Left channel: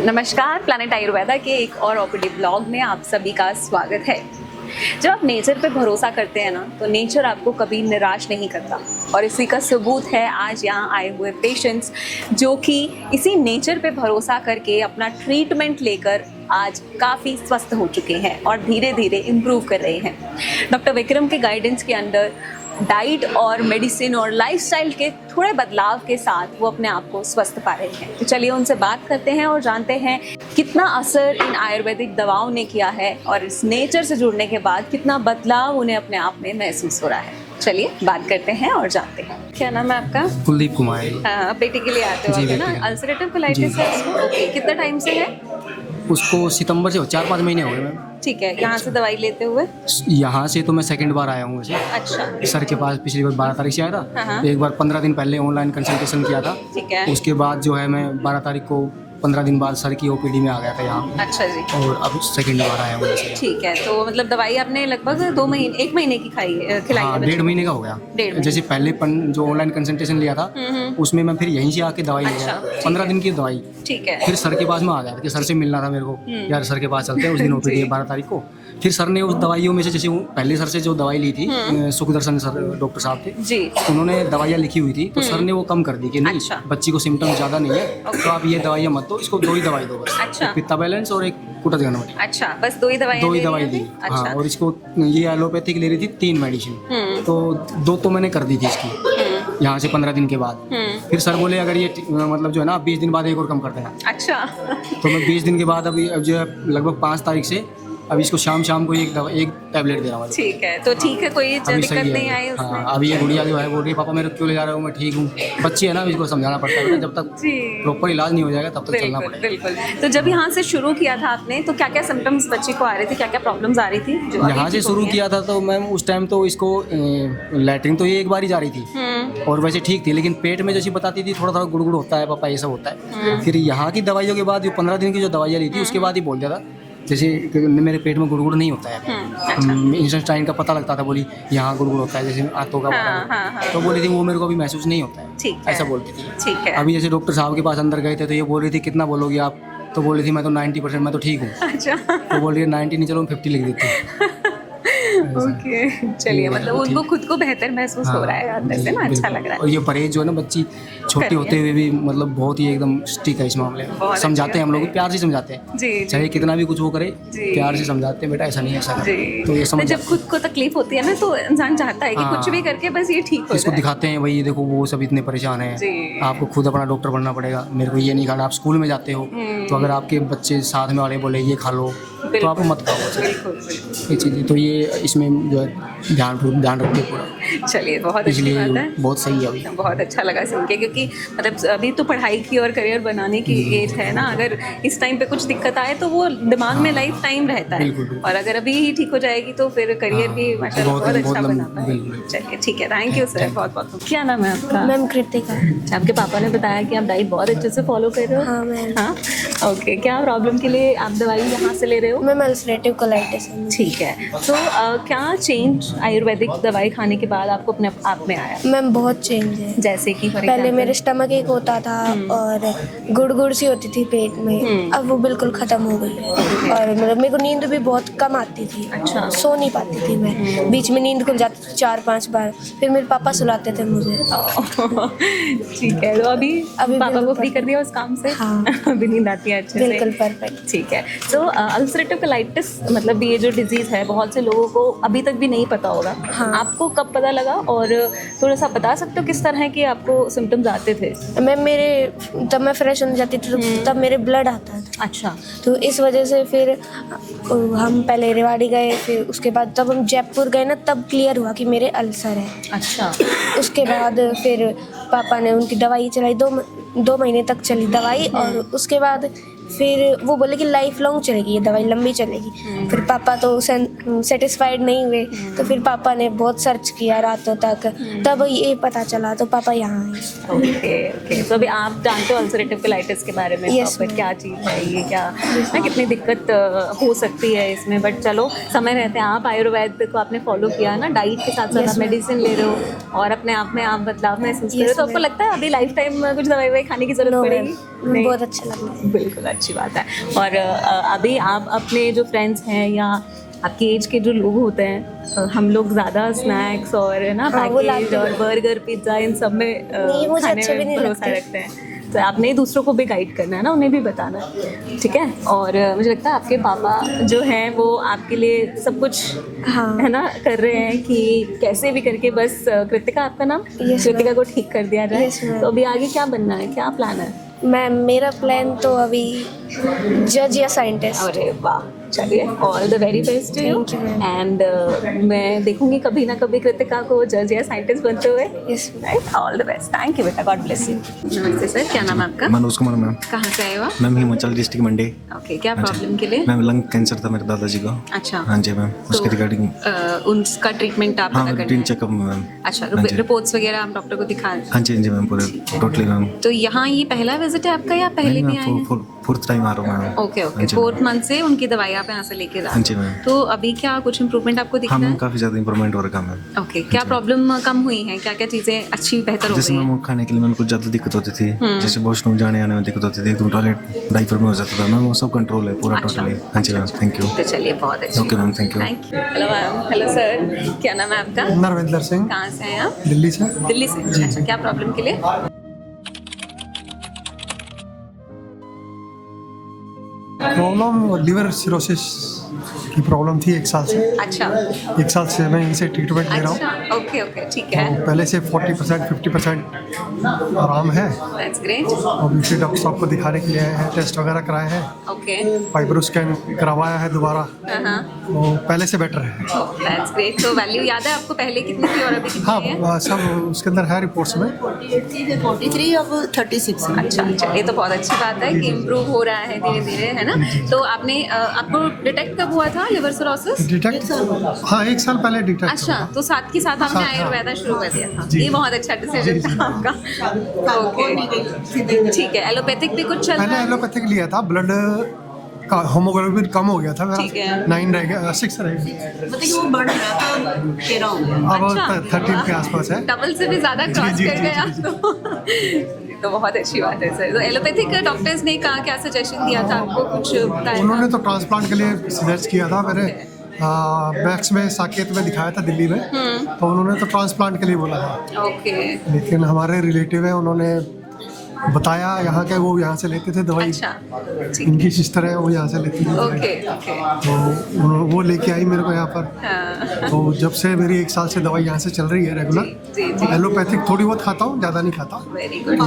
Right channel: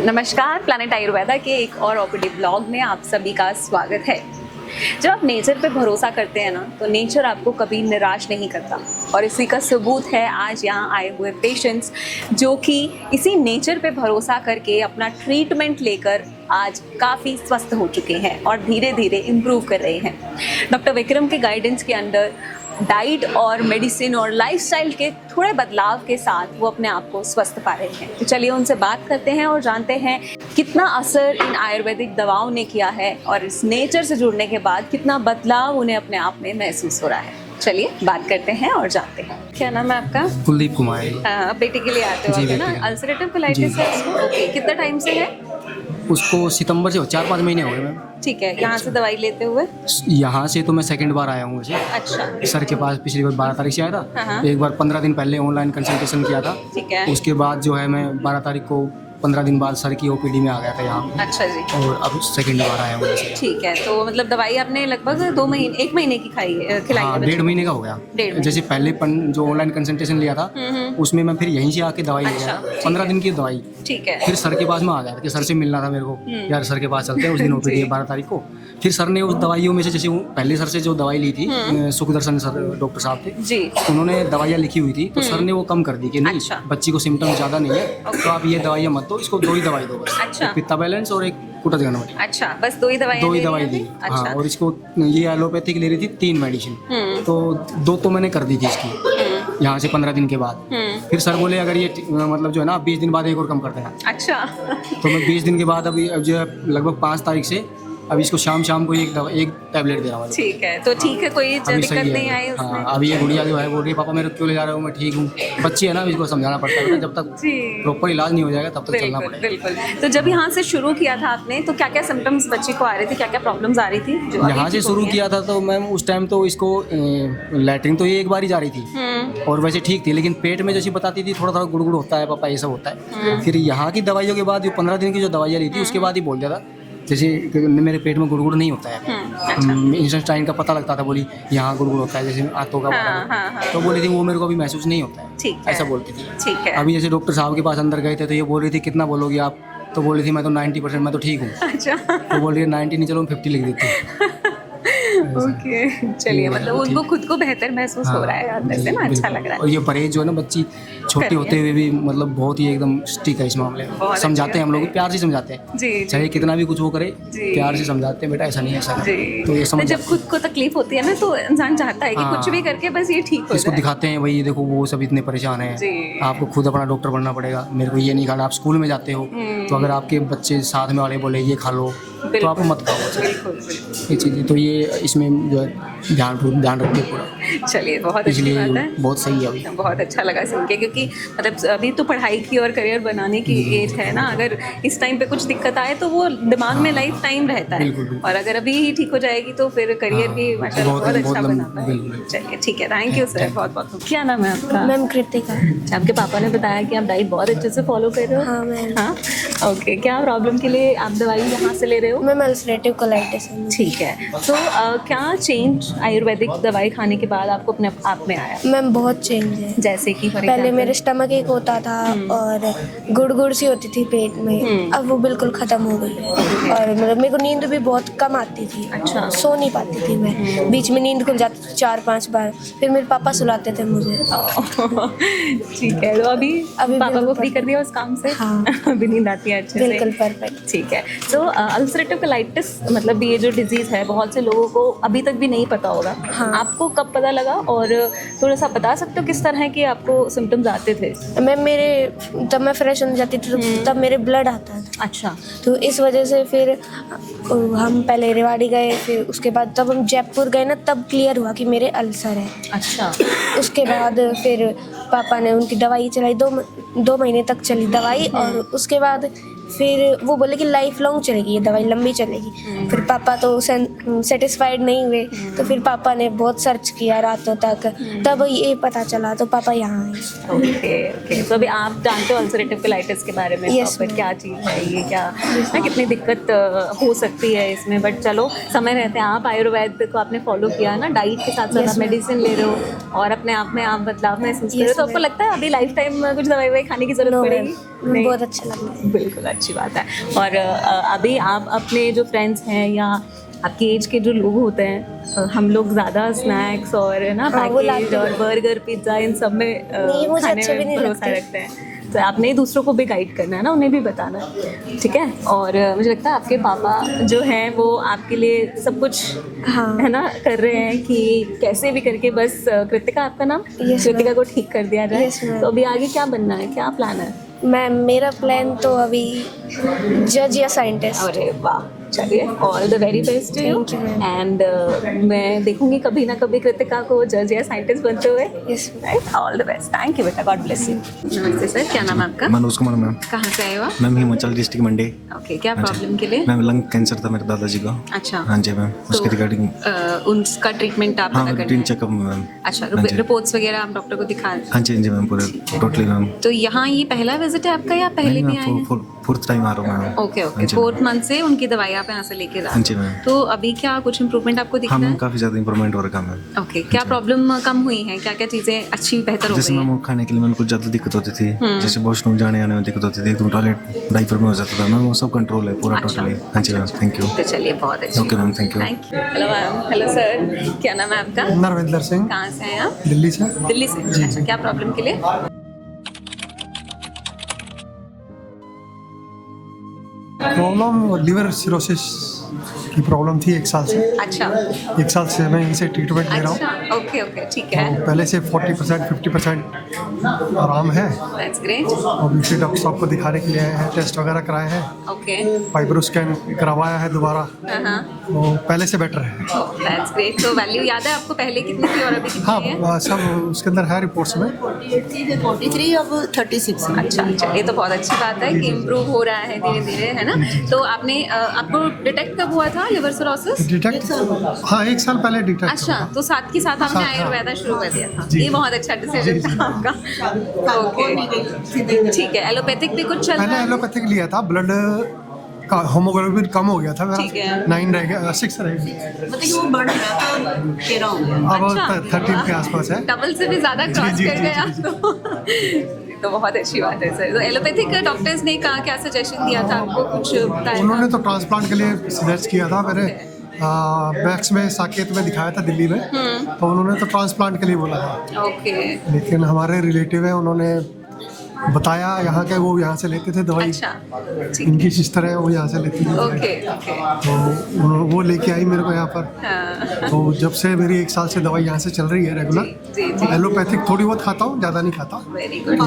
नमस्कार, प्लैनेट आयुर्वेदा के एक और ओपीडी ब्लॉग में आप सभी का स्वागत है। जब आप नेचर पे भरोसा करते हैं ना, तो नेचर आपको कभी निराश नहीं करता। और इसी का सबूत है आज यहाँ आए हुए पेशेंट्स, जो कि इसी नेचर पे भरोसा करके अपना ट्रीटमेंट लेकर आज काफ़ी स्वस्थ हो चुके हैं और धीरे धीरे इम्प्रूव कर रहे हैं। डॉक्टर विक्रम के गाइडेंस के अंडर डाइट और मेडिसिन और लाइफस्टाइल के थोड़े बदलाव के साथ वो अपने आप को स्वस्थ पा रहे हैं। तो चलिए उनसे बात करते हैं और जानते हैं कितना असर इन आयुर्वेदिक दवाओं ने किया है और इस नेचर से जुड़ने के बाद कितना बदलाव उन्हें अपने आप में महसूस हो रहा है। चलिए बात करते हैं और जानते हैं। क्या नाम है आपका? कुलदीप कुमार। हाँ, बेटे के लिए आते हो आप, ना? अल्सरेटिव कोलाइटिस है उसको? ओके, कितना टाइम से है उसको? सितंबर से 4-5 महीने हो गए मैम। ठीक है, यहाँ से दवाई लेते हुए? यहाँ से तो मैं सेकंड बार आया हूँ वैसे। अच्छा। सर के पास पिछली बार 12 तारीख से आया था। हाँ। एक बार 15 दिन पहले ऑनलाइन कंसल्टेशन किया था। ठीक है। उसके बाद जो है मैं 12 तारीख को 15 दिन बाद सर की ओपीडी में आ गया था यहाँ। अच्छा जी। और अब सेकंड बार आया हूँ वैसे। ठीक है, तो मतलब दवाई आपने लगभग 1 महीने की खिलाई हाँ, है? 1.5 महीने का हो गया। जैसे पहले जो ऑनलाइन कंसल्टेशन लिया था उसमें मैं फिर यहीं से आके दवाई ले गया, 15 दिन की दवाई। ठीक है। फिर सर के पास में आ गया कि सर से मिलना था मेरे को, यार सर के पास चलते हैं। उस दिन ओपीडी 12 तारीख को। फिर सर ने उस दवाइयों में से, जैसे पहले सर से जो दवाई ली थी, सुखदर्शन सर डॉक्टर साहब थे जी, उन्होंने दवाइयाँ लिखी हुई थी, तो सर ने वो कम कर दी कि नहीं, बच्ची को सिम्टम ज़्यादा नहीं है तो आप ये दवाइयाँ मत दो, इसको 2 ही दवाई दो बस। अच्छा। पित्ता बैलेंस और एक कुटज गणवटी। अच्छा, बस 2 ही दवाई दी। हाँ, और इसको ये एलोपैथिक ले रही थी 3 मेडिसिन, तो 2 तो मैंने कर दी थी इसकी यहाँ से 15 दिन के बाद। फिर सर बोले अगर ये मतलब जो है ना 20 दिन बाद एक और कम कर देना। अच्छा। 20 दिन के बाद अभी जो है लगभग 5 तारीख से अब इसको शाम को एक टैबलेट दे रहा हूँ। ठीक है, तो ठीक है, कोई दिक्कत नहीं आई उसमें? हाँ, अभी ये गुड़िया जो है बोल रही है पापा मेरे क्यों ले जा रहे हो, मैं ठीक हूँ। बच्ची है ना, इसको समझाना पड़ता है, जब तक प्रॉपर इलाज नहीं हो जाएगा तब तक चलना पड़ेगा। बिल्कुल। तो जब यहाँ से शुरू किया था आपने, तो क्या क्या सिम्टम्स बच्ची को आ रही थी, क्या क्या प्रॉब्लम्स आ रही थी? यहाँ से शुरू किया था तो मैम उस टाइम तो इसको लैट्रिन तो ये एक बार ही जा रही थी और वैसे ठीक थी, लेकिन पेट में जैसी बताती थी थोड़ा गुड़गुड़ होता है पापा, ये सब होता है। फिर यहाँ की दवाइयों के बाद जो 15 दिन की जो दवाइयाँ ली थी उसके बाद ही बोल दिया था, जैसे मेरे पेट में गुड़गुड़ नहीं होता है। इंस्टेंटाइन का पता लगता था, बोली यहाँ गुड़गुड़ होता है जैसे आंतों का, तो बोली थी वो मेरे को अभी महसूस नहीं होता है, ऐसा बोलती थी। ठीक है। अभी जैसे डॉक्टर साहब के पास अंदर गए थे तो ये बोल रही थी कितना बोलोगी आप, तो बोल रही थी मैं तो 90%, मैं तो ठीक हूँ। अच्छा। तो बोल रही है 90 नहीं, चलो 50 लिख देती हूँ। ओके, चलिए, मतलब उनको खुद को बेहतर महसूस हो रहा है अंदर से ना, अच्छा लग रहा है। और ये परहेज जो है ना, बच्ची छोटे होते हुए भी मतलब बहुत ही एकदम स्टिक है इस मामले में। समझाते हैं हम लोग, प्यार से समझाते हैं जी, चाहे कितना भी कुछ वो करे, प्यार से समझाते हैं, बेटा ऐसा नहीं है ऐसा। तो ये समझ, जब खुद को तकलीफ होती है ना तो इंसान चाहता है कि कुछ भी करके बस ये ठीक हो जाए। इसको दिखाते हैं भाई ये देखो वो सब इतने परेशान हैं, आपको खुद अपना डॉक्टर बनना पड़ेगा, मेरे को ये नहीं खाना। आप स्कूल में जाते हो तो अगर आपके बच्चे साथ में वाले बोले ये खा लो तो आप मत खाओ ये चीज़ें, तो ये इसमें जो है ध्यान रखो पूरा। चलिए, बहुत इसलिए बहुत सही है। अभी बहुत अच्छा लगा सुन के, क्योंकि मतलब अभी तो पढ़ाई की और करियर बनाने की एज है ना, अगर इस टाइम पे कुछ दिक्कत आए तो वो दिमाग में लाइफ टाइम रहता है, और अगर अभी ही ठीक हो जाएगी तो फिर करियर भी बहुत अच्छा बनाता है। चलिए ठीक है, थैंक यू सर, बहुत बहुत। क्या नाम है आपका? मैम कृतिका। आपके पापा ने बताया कि आप डाइट बहुत अच्छे से फॉलो कर रहे हो? हाँ मैम। हाँ, ओके। क्या प्रॉब्लम के लिए आप दवाई यहाँ से ले रहे हो? Ma'am ulcerative colitis. ठीक है, तो क्या चेंज आयुर्वेदिक दवाई खाने के बाद आपको अपने आप में आया? मैम बहुत चेंज है। जैसे कि पहले मेरे स्टमक एक होता था और गुड़ सी होती थी पेट में, अब वो बिल्कुल ख़त्म हो गई है। और मतलब मेरे को नींद भी बहुत कम आती थी। अच्छा। सो नहीं पाती थी मैं, बीच में नींद खुल जाती थी 4-5 बार, फिर मेरे पापा सुलाते थे मुझे। ठीक है, तो अभी पापा को फ्री कर दिया उस काम से? हाँ। अभी नींद आती है अच्छे से? बिल्कुल परफेक्ट। ठीक है, तो अल्सरेटिव कोलाइटिस मतलब ये जो डिजीज़ है बहुत से लोगों को अभी तक भी नहीं पता होगा। हाँ। आपको कब पता लगा, और थोड़ा सा बता सकते हो किस तरह के आपको सिम्टम्स आते थे? मैम जब मैं फ्रेश हो जाती थी तब मेरे ब्लड आता था। अच्छा। तो इस वजह से फिर हम पहले रेवाड़ी गए, फिर उसके बाद तब हम जयपुर गए ना, तब क्लियर हुआ कि मेरे अल्सर है। अच्छा। उसके बाद फिर पापा ने उनकी दवाई चलाई, 2 महीने तक चली दवाई, और उसके बाद फिर वो बोले कि लाइफ लॉन्ग चलेगी ये दवाई, लंबी चलेगी। फिर पापा तो सेटिस्फाइड नहीं हुए, तो फिर पापा ने बहुत सर्च किया रातों तक, तब ये पता चला, तो पापा यहाँ आए। ओके, तो अभी आप जानते हो अल्सरेटिव कोलाइटिस के बारे में? Yes, proper क्या चीज़ है ये, क्या कितनी दिक्कत हो सकती है इसमें, बट चलो समय रहते हैं। आप आयुर्वेद को आपने फॉलो किया है ना, डाइट के साथ साथ आप मेडिसिन ले रहे हो और अपने आप में आप बदलाव महसूस कर रहे हो, तो आपको लगता है अभी लाइफ टाइम कुछ दवाई खाने की जरूरत पड़ेगी? बहुत अच्छी। बिल्कुल अच्छी बात है। और अभी आप अपने जो फ्रेंड्स हैं या आपकी एज के जो लोग होते हैं, हम लोग ज़्यादा स्नैक्स और ना पैकेज और बर्गर पिज्ज़ा इन सब में वो खाने अच्छे भी में नहीं भरोसा लगते। रखते हैं। तो आपने दूसरों को भी गाइड करना है ना, उन्हें भी बताना है, ठीक है। और मुझे लगता है आपके पापा जो हैं वो आपके लिए सब कुछ हाँ। है ना कर रहे हैं कि कैसे भी करके बस कृतिका आपका नाम, Yes, कृतिका को ठीक कर दिया जाए। Yes, ma'am. तो अभी आगे क्या बनना है, क्या प्लान है? मेरा प्लान तो अभी जज या साइंटिस्ट। अरे वाह, चलिए all the very best to you. Thank you, ma'am. And मैं देखूंगी कभी ना कभी कृतिका को जज या साइंटिस्ट बनते हुए। Yes, right, all the best, thank you बेटा, गॉड ब्लेस यू। नमस्ते सर, क्या नाम है आपका? मनोज कुमार मैम। कहाँ से आए हो आप? मैम हिमाचल डिस्ट्रिक्ट मंडी। ओके, क्या प्रॉब्लम के लिए? मैम लंग कैंसर था मेरे दादाजी को। अच्छा, हाँ जी मैम, उसके रिगार्डिंग उनका ट्रीटमेंट आप हाँ पता रूटीन करना है? Checkup ma'am. अच्छा, हाँ जी। रिपोर्ट्स वगैरह आप डॉक्टर को दिखाएं? हाँ जी मैम पूरे टोटली मैम। तो यहाँ ये पहला विजिट है आपका या पहले भी आए हैं? फोर्थ टाइम आ रहा हूँ ma'am. Okay okay, 4th month से उनकी दवाई आप यहाँ से लेके हाँ आए। जी मैम। तो अभी क्या कुछ इम्प्रूवमेंट आपको दिख हाँ रहा मैम है? काफ़ी ज़्यादा इंप्रूवमेंट हो रहा है मैम। ओके, क्या प्रॉब्लम कम हुई है, क्या क्या चीज़ें अच्छी बेहतर हो जैसे गई मैम हैं? वो खाने के लिए मैम कुछ ज़्यादा दिक्कत होती थी, जैसे वॉशरूम जाने आने में दिक्कत होती थी, डाइपर में हो जाता था मैम, वो सब कंट्रोल है पूरा अच्छा। टोटली। हाँ जी मैम, थैंक यू। तो चलिए, बहुत अच्छी। Okay ma'am, thank you. Hello ma'am, hello sir, क्या नाम है आपका? नरविंदर सिंह, कहाँ से हैं आप? दिल्ली से। दिल्ली से। अच्छा, क्या प्रॉब्लम के लिए? प्रॉब्लम लिवर सिरोसिस की प्रॉब्लम थी 1 साल से। अच्छा 1 साल से मैं इनसे ट्रीटमेंट ले रहा हूँ। अच्छा, ओके ओके, ठीक है, पहले से 40% 50% आराम है। That's great. और दूसरे डॉक्टर साहब को दिखाने के लिए आए हैं, टेस्ट वगैरह कराए हैं, ओके, फाइब्रो स्कैन करवाया है दोबारा, हाँ, वो पहले से बेटर है। That's great. तो वैल्यू याद है आपको, पहले कितनी थी और अभी कितनी हाँ है? सब उसके अंदर है रिपोर्ट्स में। 43 अब 36। अच्छा, ये तो बहुत अच्छी बात है कि इम्प्रूव हो रहा है धीरे धीरे, है ना। तो आपने आपको डिटेक्ट कब हुआ था लिवर सिरोसिस? डिटेक्ट हाँ 1 साल पहले डिटेक्ट अच्छा, हुआ। तो साथ के साथ आपने साथ, हाँ। आयुर्वेदा शुरू कर दिया था। जी। ये बहुत अच्छा डिसीजन था आपका। ओके, ठीक है। एलोपैथिक भी कुछ चल पहले रहा है? एलोपैथिक लिया था, ब्लड का होमोग्लोबिन कम हो गया था ठीक है। मेरा, 9 रह गया, 6 रह गया, मतलब वो बढ़ रहा था 13 हो गया। अब अच्छा। 13 के आसपास है। डबल से भी ज्यादा क्रॉस जी, कर जी, गए जी, आप तो बहुत अच्छी बात है सर। तो एलोपैथिक डॉक्टर्स ने कहा, क्या सजेशन दिया था आपको, कुछ बताया? उन्होंने तो ट्रांसप्लांट के लिए सजेस्ट किया था। मैंने बैक्स में साकेत में दिखाया था दिल्ली में, तो उन्होंने तो ट्रांसप्लांट के लिए बोला था, ओके, लेकिन हमारे रिलेटिव है, उन्होंने बताया यहाँ के, वो यहाँ से लेते थे दवाई, अच्छा, इनकी सिस्टर है वो यहाँ से लेती थी दवाई। ओके ओके, तो वो लेके आई मेरे को यहाँ पर। हाँ, तो जब से मेरी 1 साल से दवाई यहाँ से चल रही है रेगुलर। जी जी, एलोपैथिक थोड़ी बहुत खाता हूँ, ज़्यादा नहीं खाता, वेरी गुड।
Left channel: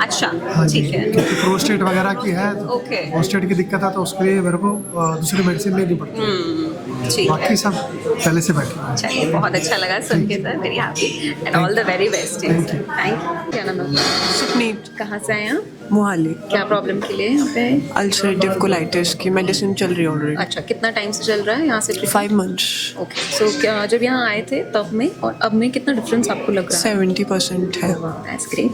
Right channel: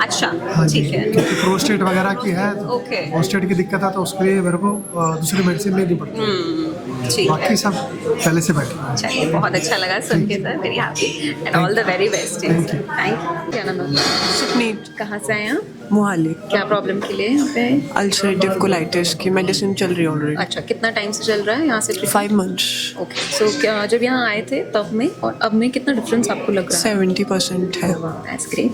अच्छा, हाँ जी, ठीक है, क्योंकि प्रोस्टेट वगैरह की है, तो ओके, प्रोस्टेट की दिक्कत है, तो उसके लिए मेरे को दूसरी मेडिसिन लेनी पड़ती है। ठीक है। बाकी सब पहले से बैठे। चलिए, बहुत अच्छा लगा सुन के sir, very happy and all the very best. Thank you. क्या नाम है? सुखनीत कहाँ से आए आप? मोहाली। क्या प्रॉब्लम के लिए यहाँ पे? अल्सरेटिव कोलाइटिस की मेडिसिन चल रही है ऑलरेडी। अच्छा, कितना टाइम से चल रहा है यहाँ से? 5 months। ओके, सो क्या जब यहाँ आए थे तब में और अब में कितना डिफरेंस आपको लग रहा है? 70% है।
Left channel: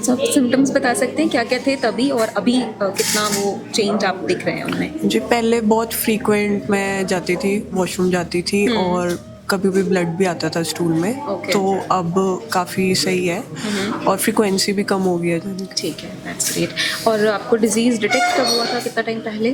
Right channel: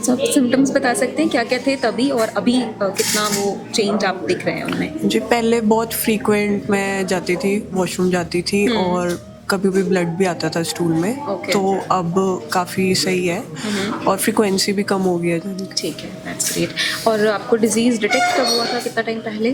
सो सिम्टम्स बता सकते हैं क्या क्या थे तभी और अभी कितना वो चेंज आप दिख रहे हैं उनमें? जी, पहले बहुत फ्रीक्वेंट मैं जाती थी, वॉशरूम जाती थी और कभी भी ब्लड भी आता था स्टूल में। Okay. तो अब काफ़ी सही है और फ्रीक्वेंसी भी कम हो गई है जाने की। ठीक है, दैट्स ग्रेट। और आपको डिजीज डिटेक्ट कब हुआ था, कितना टाइम पहले?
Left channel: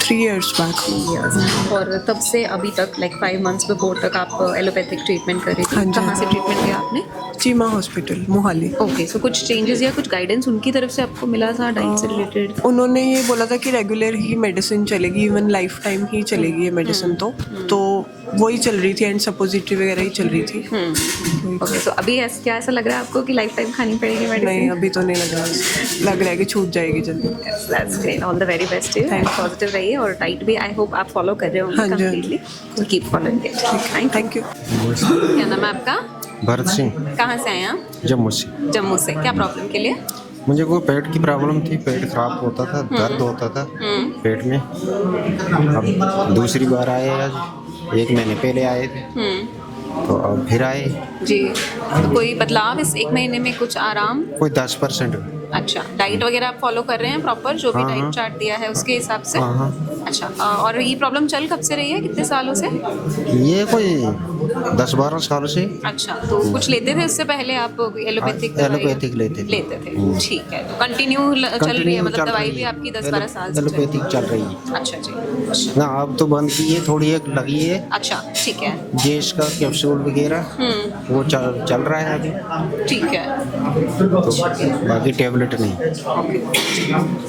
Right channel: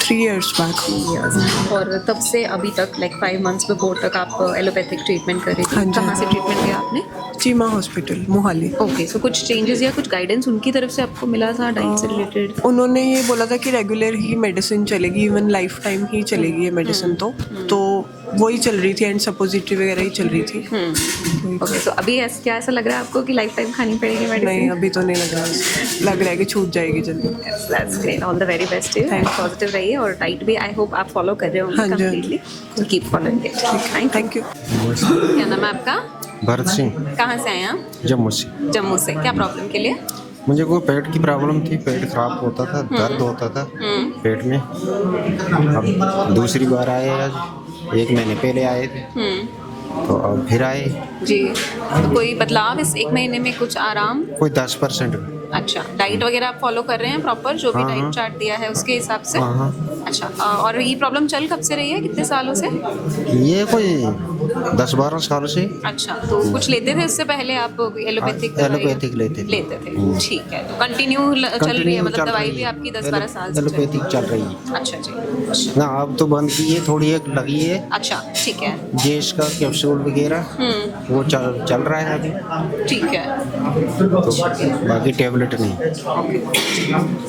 3 years बैक। और तब से अभी तक लाइक 5 months बिफोर तक आप एलोपैथिक ट्रीटमेंट कर रही थी? कहाँ से ट्रीटमेंट किया आपने? चीमा हॉस्पिटल मोहाली। ऐसा कुछ चेंजेस या कुछ गाइडेंस उनकी तरफ से आपको मिला था डीन से रिलेटेड? उन्होंने ये बोला था कि रेगुलर ही मेडिसिन चलेगी, इवन लाइफ टाइम ही चलेगी ये मेडिसिन। तो वही चल रही थी एंड सपोजिटरी वगैरह ही चल रही थी। ओके, तो अभी क्या ऐसा लग रहा है आपको कि लाइफ टाइम खानी पड़ेगी नहीं, मेडिसिन? अभी तो नहीं लग रहा है कि छूट जाएगी जल्दी। That's great, all the very best to you, positive रहिए और डाइट भी आई होप आप फॉलो कर रहे होंगे हाँ जी, हाँ कंप्लीटली, तो keep following it. Thank you. क्या नाम है आपका? भरत सिंह, कहाँ से आए हैं आप? जम्मू से। जम्मू से। क्या प्रॉब्लम के लिए? मुझे कोई पेट की प्रॉब्लम थी, पेट खराब होता था, दर्द होता था पेट में। अब दूसरी बार आए आज, 1 महीने पहले आए थे, तो अब फिर आए। जी, तो कोई बदलाव इस 1 महीने में, कुछ आराम? कोई 10%। अच्छा, डाइट वगैरह आप फॉलो कर रहे हैं प्रॉपर, जो भी डाइट चार्ट दिया है उसके हिसाब से? अच्छा, और ये प्रॉब्लम चल कब से रही है, कितने सालों से? ये कोई 10-12 साल से। अच्छा, तो कुछ लेते थे इससे पहले आप एलोपैथिक? एलोपैथिक लेते थे। ठीक है, तो कंटिन्यू चल रही है, मतलब दवाई भी आपकी 10-12 साल से एलोपैथिक चल रही है। अच्छा जी, हाँ, अब तो बंद की है, थोड़ी एक लगी है। अच्छा ठीक है, ये इसका कैप्सूल वगैरह वो चल रहा है अभी। ठीक है, तो आगे टैबलेट नहीं।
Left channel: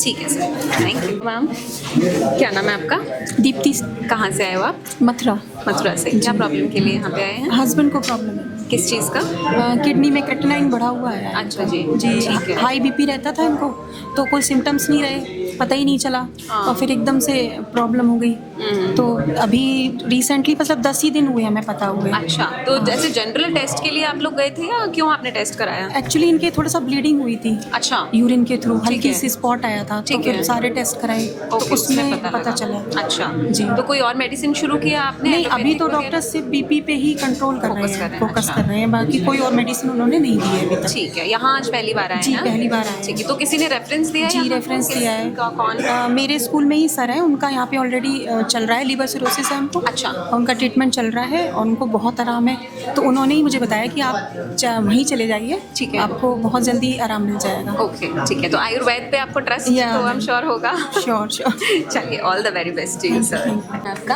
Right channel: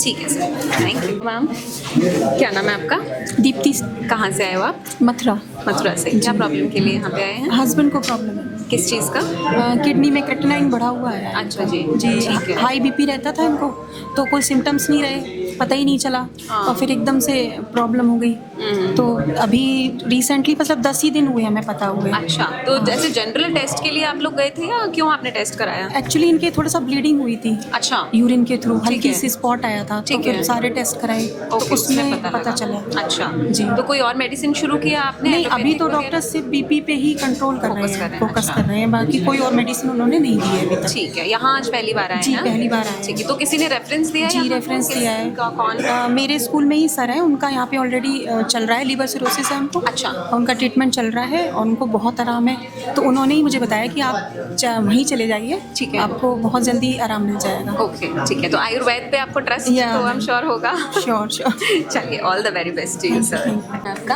ठीक है सर। मैम, क्या नाम है आपका? दीप्ति। कहाँ से आए हो आप? मथुरा। मथुरा से। क्या प्रॉब्लम के लिए यहाँ पे आए हैं? हस्बैंड को प्रॉब्लम है, किस चीज़ का? किडनी में क्रेटिनाइन बढ़ा हुआ है। अच्छा जी, जी, ठीक है। हाई बीपी रहता था इनको, तो कोई सिम्टम्स नहीं रहे, पता ही नहीं चला, और फिर एकदम से प्रॉब्लम हो गई। तो अभी रिसेंटली मतलब 10 ही दिन हुए हमें पता हुए। अच्छा, तो जैसे जनरल टेस्ट के लिए आप लोग गए थे या क्यों आपने टेस्ट कराया? एक्चुअली इनके थोड़ा सा ब्लीडिंग हुई थी, अच्छा, यूरिन के थ्रू हल्की है। से स्पॉट आया था, ठीक तो फिर है। सारे टेस्ट कराए, तो ओके, उसमें पता पता चला। अच्छा जी। तो कोई और मेडिसिन शुरू किया आपने? नहीं, अभी तो एलोपैथिक डॉक्टर सिर्फ बीपी पे ही कंट्रोल कर रहे हैं, फोकस अच्छा। कर रहे हैं, बाकी कोई और मेडिसिन उन्होंने नहीं दी है अभी तक। ठीक है, यहाँ आज पहली बार आए जी, हैं? पहली बार आए हैं। ठीक है, तो किसी ने रेफरेंस दिया है? जी, रेफरेंस दिया है। कौन? मेरे स्कूल में ही सर है, उनका यहाँ पे ऑलरेडी चल रहा है, लिवर सिरोसिस है उनको। अच्छा। उनका ट्रीटमेंट चल रहा है और उनको बहुत आराम है, तो उन्होंने ही मुझे बताया कि आप वहीं चले जाइए, ठीक है। आपको बहुत जल्दी आराम मिल जाएगा। ओके, ठीक है, तो आयुर्वेद पे आपको ट्रस्ट या। तो आई एम श्योर होगा। Sure sure. चलिए, all the very best to you sir. आपका?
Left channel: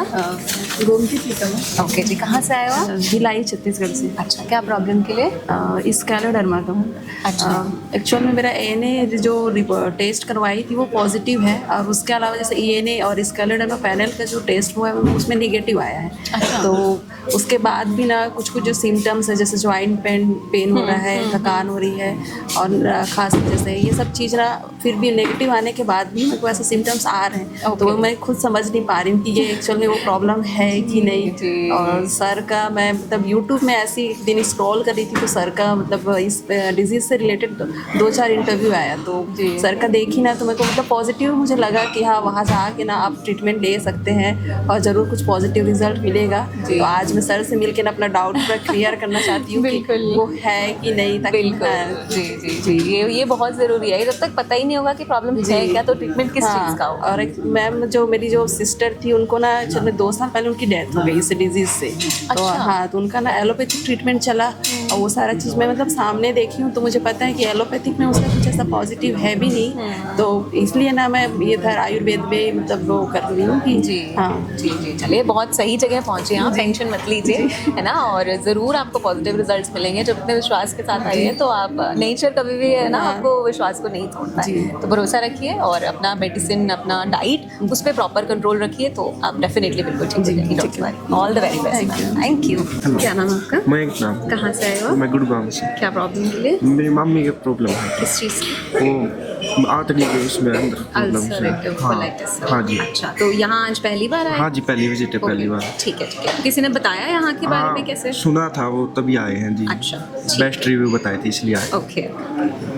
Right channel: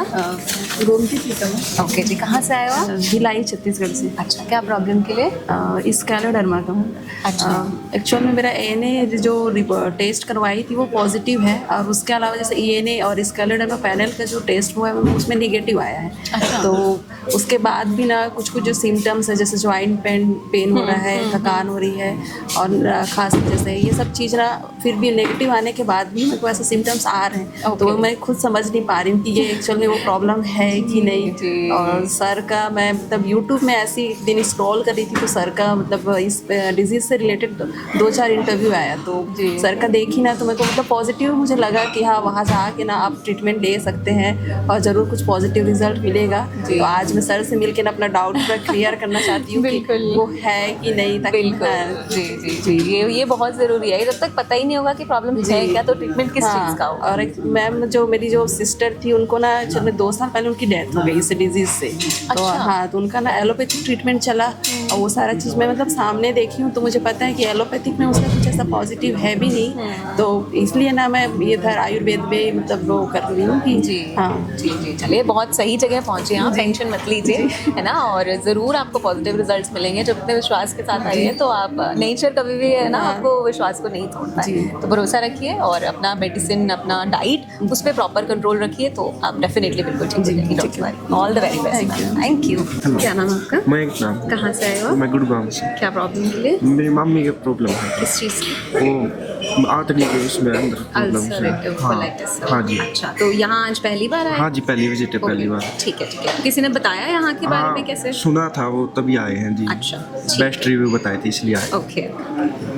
गोमती प्रीतम। ओके जी, कहाँ से आए हो आप? भिलाई छत्तीसगढ़ से। अच्छा, क्या प्रॉब्लम के लिए? स्कैलोडर्मा का हूँ। अच्छा। एक्चुअल में मेरा एएनए जो टेस्ट करवाई थी वो पॉजिटिव है, और उसके अलावा जैसे ईएनए और स्कैलोडर्मा पैनल का जो टेस्ट हुआ है उसमें निगेटिव आया है। अच्छा। तो उसके बाद भी ना कुछ कुछ जो सिम्टम्स है, जैसे ज्वाइंट पेन हो रहा है, थकान हो रही है, और खांसी जैसे ये सब चीज़ ना फिर भी नेगेटिव आने के बाद भी मेरे को ऐसे सिम्टम्स आ रहे हैं। तो मैं खुद समझ नहीं पा रही हूँ कि ये एक्चुअल में वो प्रॉब्लम है कि नहीं। और सर का मैं मतलब यूट्यूब में ऐसे एक दिन स्क्रॉल कर रही थी, तो सर का मतलब इस डिजीज़ से रिलेटेड 2-4 इंटरव्यू आया, तो सर का देखी ना तो मेरे को मतलब पॉजिटिव मुझे लगा कि हाँ, वहाँ जाके ना आप ट्रीटमेंट ले सकते हैं और ज़रूर कुछ पॉजिटिव रिजल्ट मिलेगा। तो आज मैं सर से मिलकर अपना डाउट क्लियर करना चाहती हूँ कि वो है कि नहीं। बिल्कुल, जी जी जी, ये बहुत ज़रूरी है। जब तक पता ही नहीं होगा कि प्रॉब्लम है क्या, तो ट्रीटमेंट किस चीज़ का होगा। और मैम जो मेरी जो सिस्टर थी उनको ना एक्चुअली 2 साल पहले उनकी डेथ हो गई इस डिजीज़ से। तो हाँ, तो उनका ना एलोपैथिक ट्रीटमेंट चला, और वो सारा चीज़ मैं मतलब सामने देखी हूँ, तो मुझे पता है कि एलोपैथिक में उसका कुछ ऐसा पॉजिटिव है भी नहीं। तो इसलिए ना मैं ये फिर आयुर्वेद में मतलब वो कर रही हूँ कि जी हाँ जी जी, चलिए, बहुत सही जगह पहुँचे हैं आप, टेंशन मत लीजिए, है ना। और ज़रूर आपको पॉजिटिव रिजल्ट्स मिलेंगे जब अपने विश्वास के साथ आइए। तो आप नेचर कभी भी है ना, आपको विश्वास को नहीं छोड़ता है, तो भरोसा रखिए और अपना मेडिसिन, अपना डाइट, उस पर प्रॉपर कंट्रोल रखिए, तो आप डेफिनेटली बिल्कुल ठीक है। All the very best, thank you. क्या नाम है आपका? मैं एक नाम, कहाँ से आए हो? मैं गुड़गांव से। क्या प्रॉब्लम के लिए? मेरी मम्मी की प्रॉब्लम है, किस चीज़ की? वो आंतड़ी के उसमें अंदर प्रॉब्लम अल्सरेटिव है। कोलाइटिस। हाँ जी। अच्छा, तो यहाँ आज पहली बार आए? हाँ जी, पहली विजिट है, पहली बार। ठीक है ठीक है। किसी ने बताया यहाँ के बारे में कैसे? सुना था, वो तभी आए हैं जी। अच्छा, बेस्ट रिव्यू बताए थे इसलिए आए। ओके,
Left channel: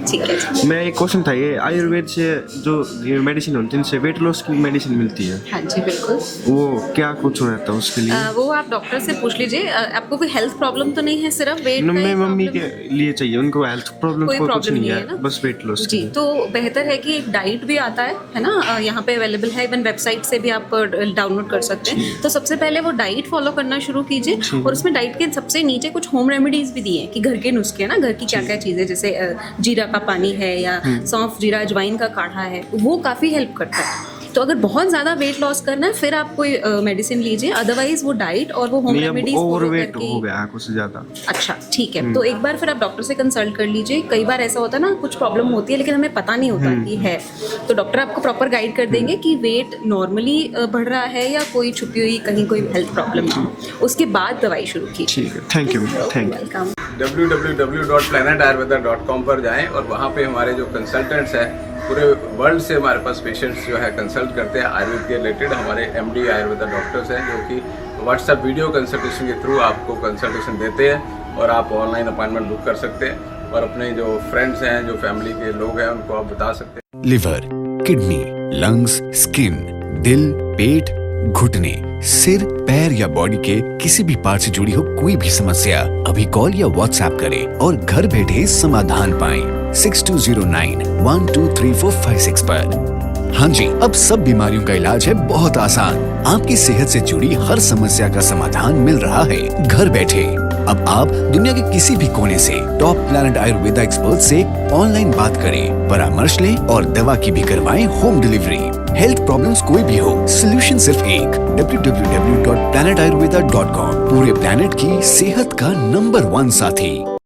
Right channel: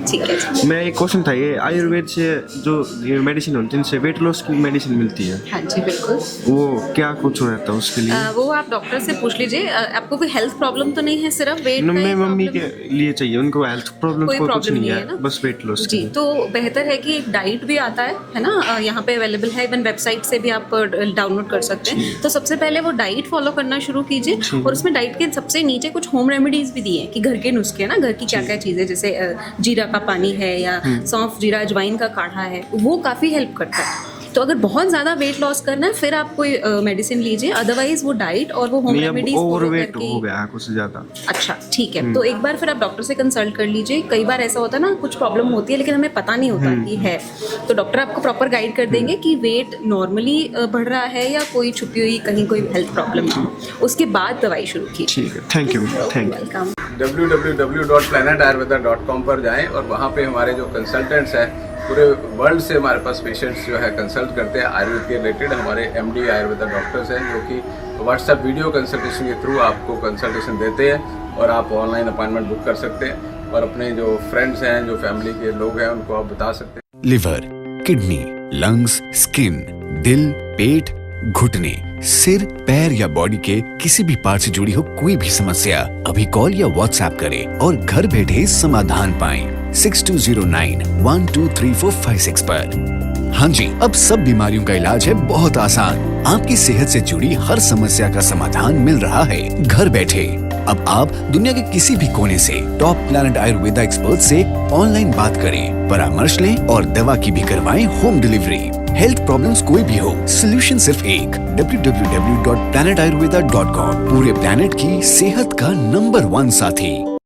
ठीक है। मैं एक क्वेश्चन था, ये आयुर्वेद से जो ये मेडिसिन होती है उनसे वेट लॉस की मेडिसिन मिलती है, हाँ जी, बिल्कुल। वो क्या कुछ रहता है उसके लिए? वो आप डॉक्टर से पूछ लीजिए। आपको कोई हेल्थ प्रॉब्लम तो नहीं है, सिर्फ वेट का ही मम्मी प्रॉब्लम? के लिए चाहिए, उनको हेल्थ प्रॉब्लम कोई प्रॉब्लम नहीं है ना? बस वेट लॉस जी, तो बेहतर है कि एक डाइट भी आता है ना, और यहाँ पे अवेलेबल है, इवन वेबसाइट से भी आप डाउनलोड कर सकते हैं। तो सबसे पहले वो डाइट फॉलो करना शुरू कीजिए, और उसमें डाइट के सबसे नीचे कुछ होम रेमेडीज भी दिए कि घर के नुस्खे है ना, घर की क्या क्या चीज़ें, जैसे जीरा का पानी है या सौंफ जीरा अजवाइन का काढ़ा है, वो काफ़ी हेल्प करता है। तो अगर बहुत ज़्यादा वेट लॉस करना है फिर आप कोई मेडिसिन लीजिए, अदरवाइज वो डाइट और वो होम रेमेडीज ओवरवेट हो गया है कुछ ज़्यादा। अच्छा, ठीक है, तो एक बार फिर आप डॉक्टर से कंसल्ट कर लीजिए। कई बार ऐसा होता है ना, कुछ प्रॉब्लम होती है लेकिन हमें पता नहीं होता कि है, तो डॉक्टर आपको प्रॉपर गाइड कर देंगे कि वेट नॉर्मली बढ़ रहा है या कोई छुपी हुई कहीं कोई हेल्थ प्रॉब्लम है, उसके बाद दवाई शुरू कीजिए। ठीक है, thank you, thank you. Welcome. www.planetayurveda.com पर जाएं और वहाँ पे हमारे जो कंसल्टेंट्स हैं पूरे वर्ल्ड से हमारे पास पेशेंट्स जो है कंसल्ट करते हैं आयुर्वेद के रिलेटेड। हमारे MD आयुर्वेदा डॉक्टर्स हैं जो कि व्हाट्सएप वीडियो कंसल्टेशन के थ्रू आपको कंसल्टेशन देते हैं और आप ऑनलाइन अपॉइंटमेंट बुक कर सकते हैं। और अपने जो फ्रेंड्स हैं, जो फैमिली के लोग हैं, उनको आप बता सकते हैं। लिवर, किडनी, लंग्स, स्किन, दिल, पेट, घुटने, सिर, पैर या बॉडी के किसी भी पार्ट से जुड़ी हो कोई भी समस्या, अभी कॉल या व्हाट्सएप करें और घर बैठे समाधान पाएं 6209123456 पर। हाँ जी, अब सब बीमारियों का इलाज है बहुत आसान। आपकी सेहत से जुड़ी हर समस्या का समाधान मिल रहा है घर बैठे। अब आप दुनिया के किसी भी कोने से टॉप प्लैनेट आयुर्वेदा एक्सपर्ट से ऑनलाइन बात करें, परामर्श लें और दवा की भी करवाएं होम डिलीवरी। हेल्थ प्रॉब्लम्स कोई भी हो, सोल्यूशन सिर्फ एक, www.planetayurveda.com। पूरे प्लैनेट की सेहत का नंबर 1 साथी।